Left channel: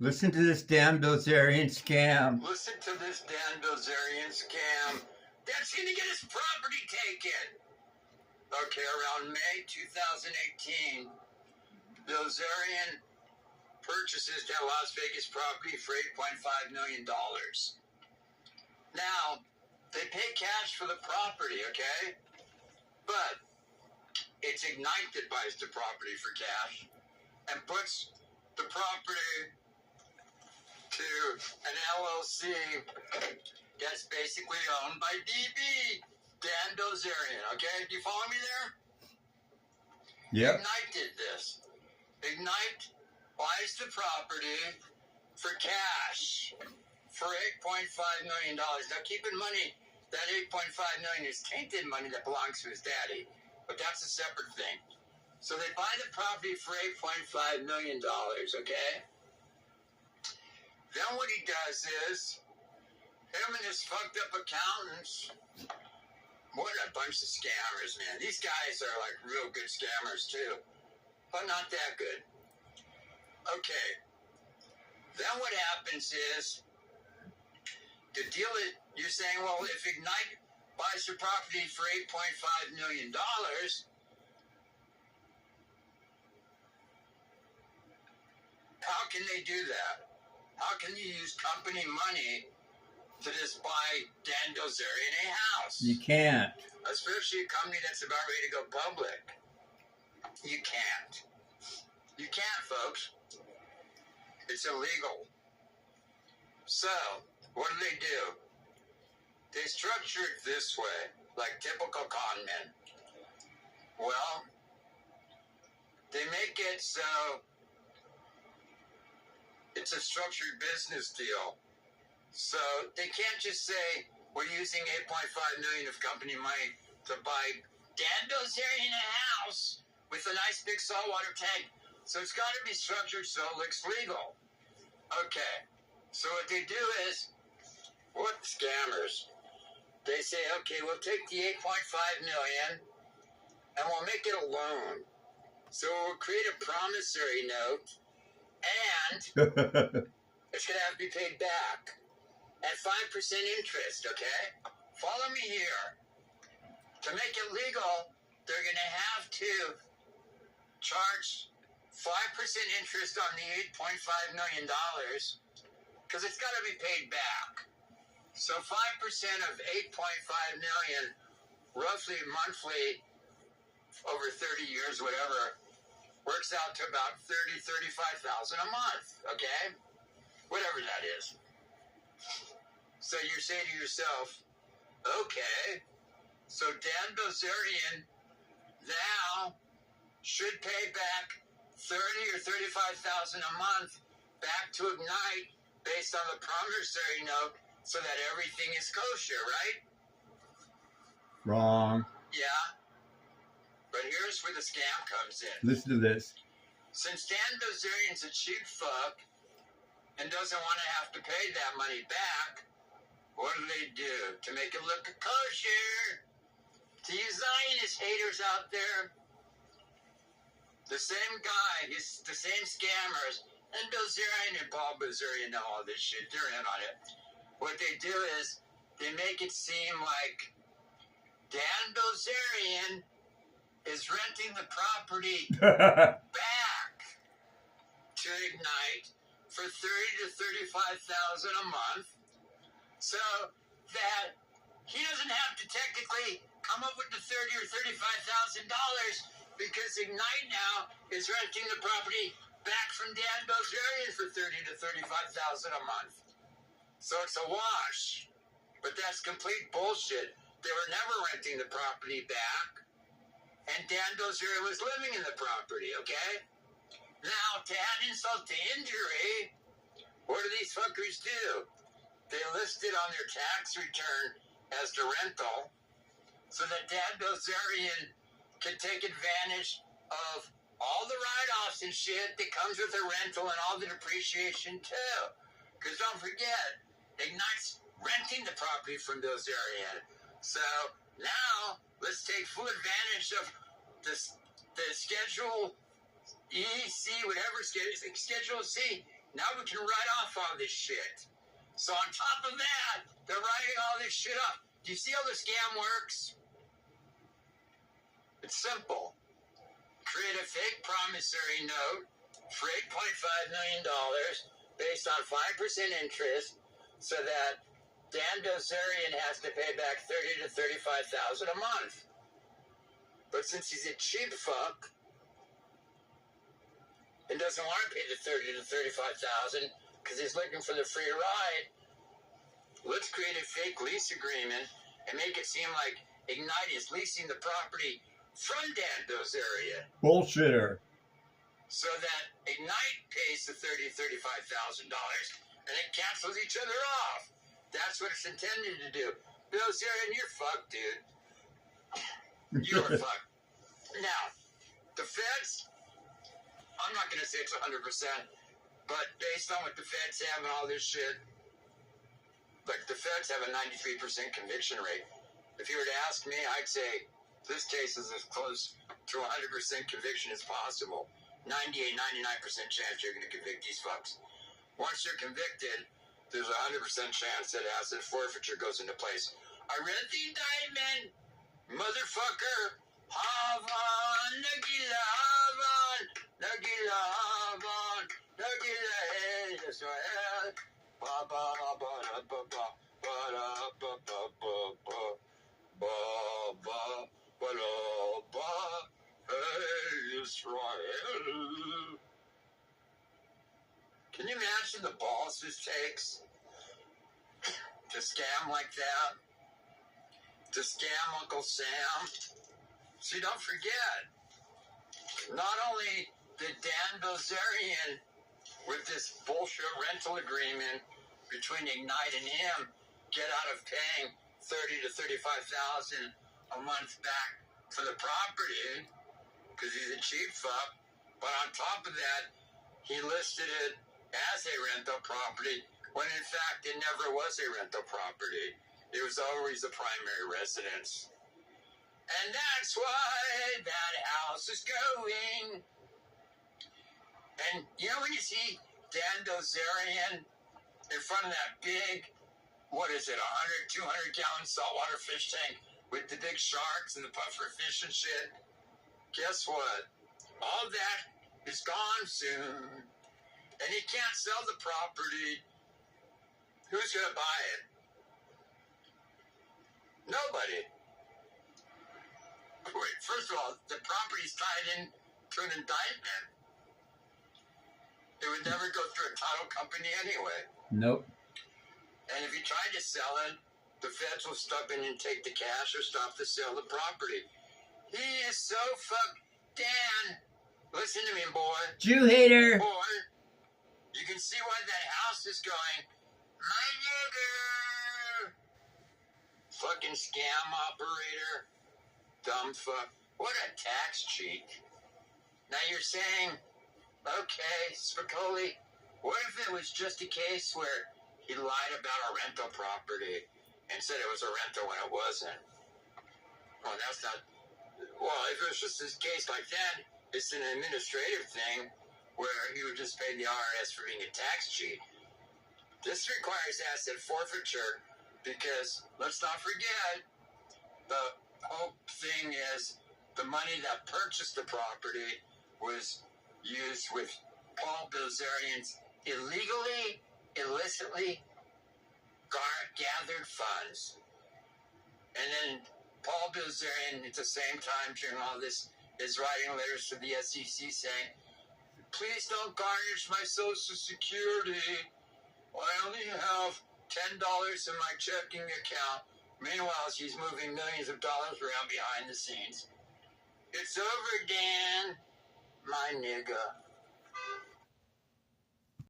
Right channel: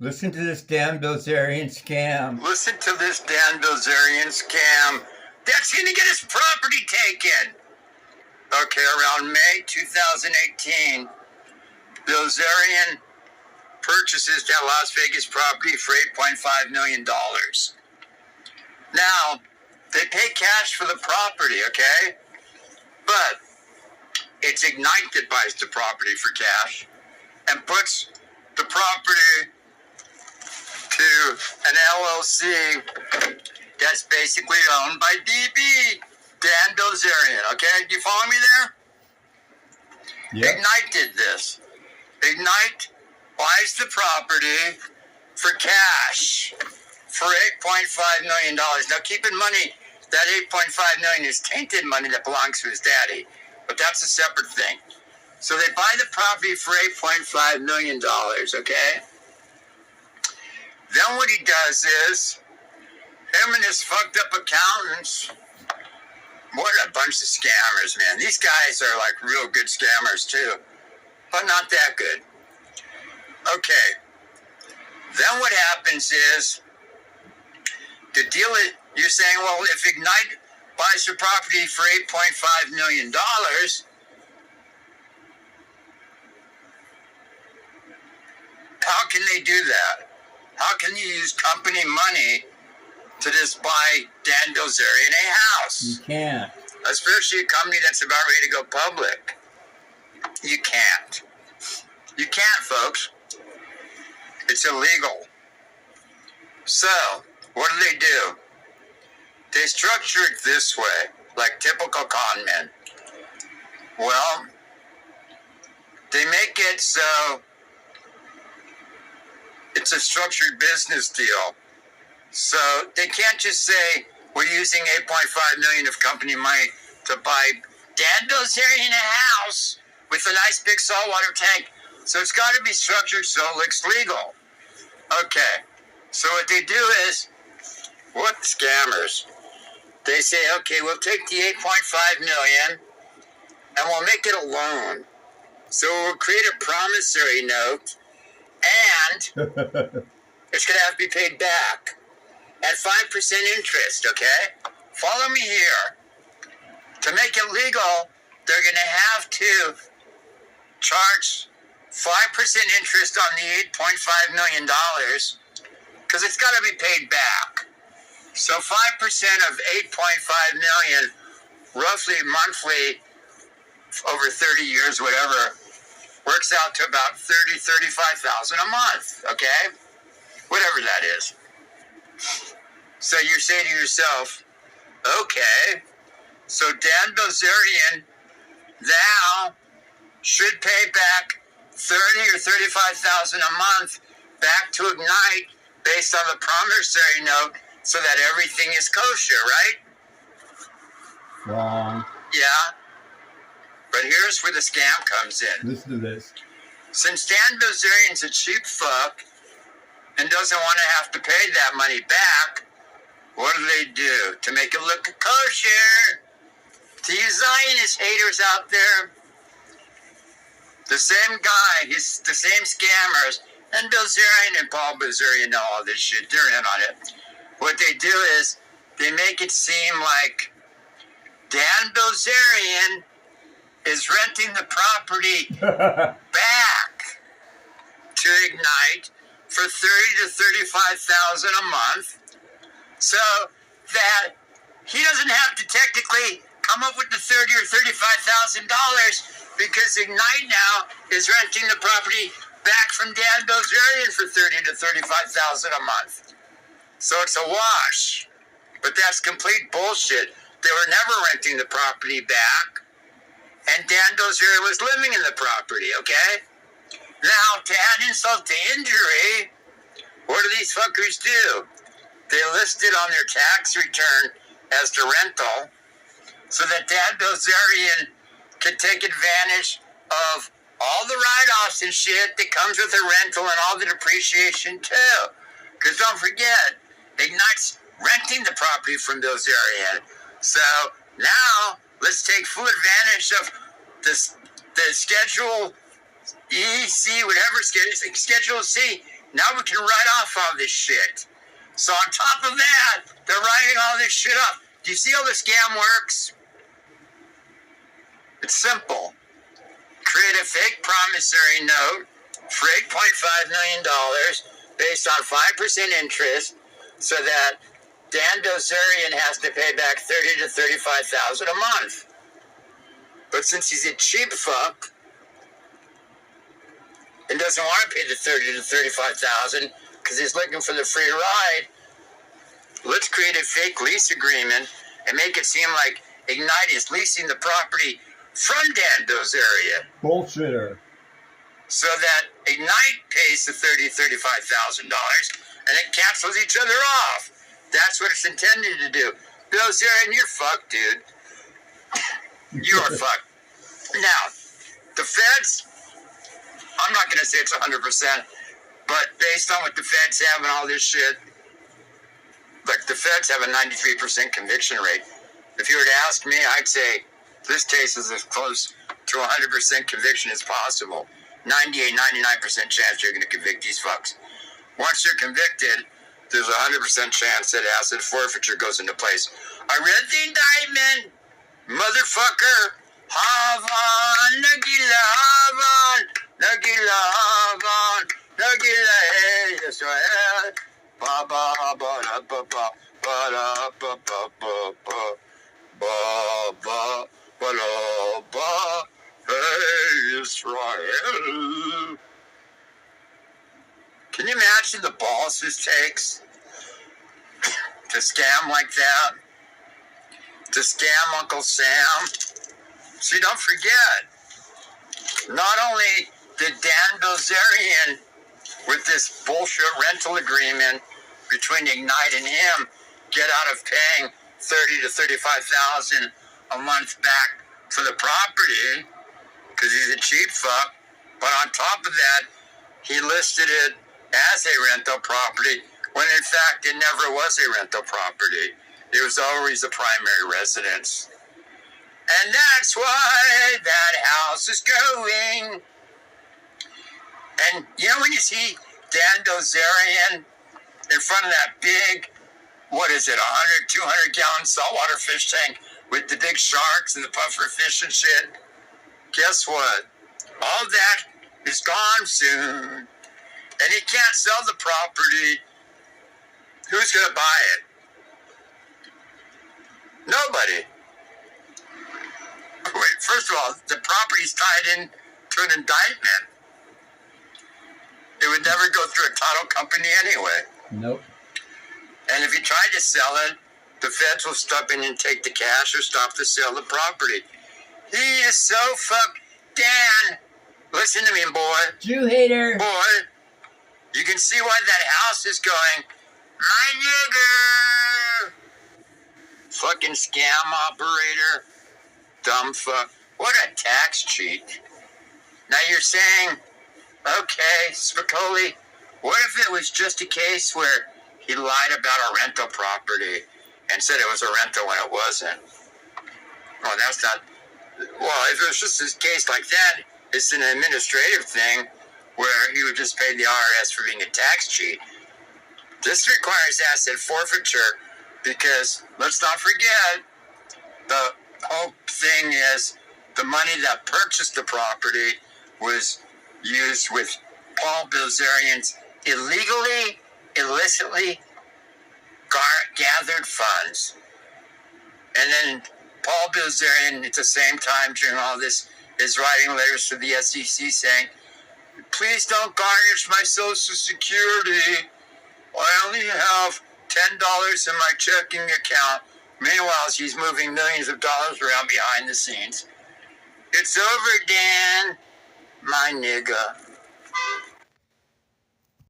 Listen to this damn Bilzerian scam. Listen to this Dan Bilzerian scam. That's going to get his property taken. Okay, around May 2018, Bilzerian purchases that Las Vegas property for $8.5 million. Now, they pay cash for the property, okay? But it's Ignite that buys the property for cash and puts the property to an LLC that's basically owned by DB, Dan Bilzerian, okay? Do you follow me there? Yep. Ignite did this. Ignite buys the property for cash for $8.5 million. Now keep in mind that $8.5 million is tainted money that belongs to his daddy, but that's a separate thing. So they buy the property for $8.5 million, okay? Then what he does is, him and his fucked up accountants, what a bunch of scammers, man. These guys are like real good scammers too, but not that good. Okay. Then what happens is, the deal is, you're saying, well, if Ignite buys the property for $8.5 million, how can they do that? How can you use company money to just buy Dan Bilzerian a house? You can't. Especially a company that's about ready to go public. You can't. You can't, folks. It's illegal. So, what do? They structure it this way, like typical con men. Well, they make it so it's a structured business deal. So they can't just say, we're using $8.5 million of company money to buy Dan Bilzerian a house with a nice big saltwater tank. So it's got to be structured so it looks legal. Okay. So what they do is, what scammers? They say, okay, we'll take the $8.5 million and we'll make it a loan. So we'll create a promissory note and it's going to have to be paid back at 5% interest, okay? Follow me here. To make it legal, they're going to have to charge 5% interest on the $8.5 million because it's got to be paid back. So 5% of $8.5 million, roughly monthly, over 30 years, whatever, works out to about $35,000 a month, okay? Whatever that is. So you say to yourself, okay, so Dan Bilzerian now should pay back $30,000 or $35,000 a month back to Ignite based on the promissory note so that everything is kosher, right? Wrong. Yeah. But here's where the scam comes in. Listen to this. Since Dan Bilzerian's a cheap fuck and doesn't want to have to pay that money back, what do? To make it look kosher, to you Zionist haters out there, the same guy, he's the same scammers, and Bilzerian and Paul Bilzerian know all this shit. They're in on it. What they do is they make it seem like Dan Bilzerian is renting the property back to Ignite for $30,000 to $35,000 a month, so that he doesn't have to technically come up with the $30,000 or $35,000 because Ignite now is renting the property back from Dan Bilzerian for $30,000 to $35,000 a month. So it's a wash, but that's complete bullshit. They were never renting the property back, and Dan Bilzerian was living in the property, okay? Now, to add insult to injury, what do these fuckers do? They list it on their tax return as the rental so that Dan Bilzerian can take advantage of all the write-offs and shit that comes with a rental and all the depreciation too. Because don't forget, Ignite's renting the property from Bilzerian. So now let's take full advantage of the Schedule E, C, whatever, Schedule C Now we can write off all this shit. So on top of that, they're writing all this shit off. Do you see how the scam works? It's simple. Create a fake promissory note for $8.5 million based on 5% interest so that Dan Bilzerian has to pay back $30,000 to $35,000 a month. But since he's a cheap fuck and doesn't want to pay the $30,000 to $35,000 because he's looking for the free ride, let's create a fake lease agreement and make it seem like Ignite is leasing the property from Dan Bilzerian. Bullshitter. So that Ignite pays the $30,000, $35,000 and it cancels each other off. That's what it's intended to do. Bilzerian, you're fucked, dude. You're fucked. Now, the feds, I'm not going to say it's 100%, but based on what the feds have and all this shit, like the feds have a 93% conviction rate. If you were to ask me, I'd say this case is as close to 100% conviction as possible. 98, 99% chance you're going to convict these fucks. Once you're convicted, there's a 100% chance that asset forfeiture goes into place. I read the indictment, motherfucker. Havan, Nagila, Havan, Nagila, Havan, Nagila, hey, Israel. Ba ba ba ba ba ba ba ba ba ba ba ba ba ba. Hey, Israel. Can you imagine the balls this takes to scam like that? To scam Uncle Sam? See, don't forget, not only did Dan Bilzerian, with this bullshit rental agreement between Ignite and him, get out of paying $30,000 to $35,000 a month back for the property, because he's a cheap fuck, but on top of that, he listed it as a rental property, when in fact it never was a rental property. It was always a primary residence. And that's why that house is going. And you know when you see Dan Bilzerian in front of that big, what is it, 100, 200 gallon saltwater fish tank with the big sharks and the puffer fish and shit? Guess what? All that is gone soon. And he can't sell the property. Who's going to buy it? Nobody. Wait, first of all, the property's tied in to an indictment. It would never go through a title company anyway. Nope. And if he tried to sell it, the feds will step in and take the cash or stop the sale of the property. He is so fucked. Dan, listen to me, boy. Jew hater. Boy, you can see why that house is going, my nigger. Fucking scam operator. Dumb fuck. What a tax cheat. Now you're saying, okay, Spicoli, what if it was just a case where he lied about a rental property and said it was a rental when it wasn't? Well, that's not... Well, if it was just a case like that, it's an administrative thing where he would just pay the IRS for being a tax cheat. This requires asset forfeiture because, let's not forget, the whole thing is the money that purchased the property was used with Paul Bilzerian's illicitly gathered funds. And then Paul Bilzerian, at the same time during all this, is writing letters to the SEC saying, please don't garnish my Social Security. I only have $10 in my checking account. Meanwhile, she's moving millions of dollars around behind the scenes. It's over, Dan, my nigga.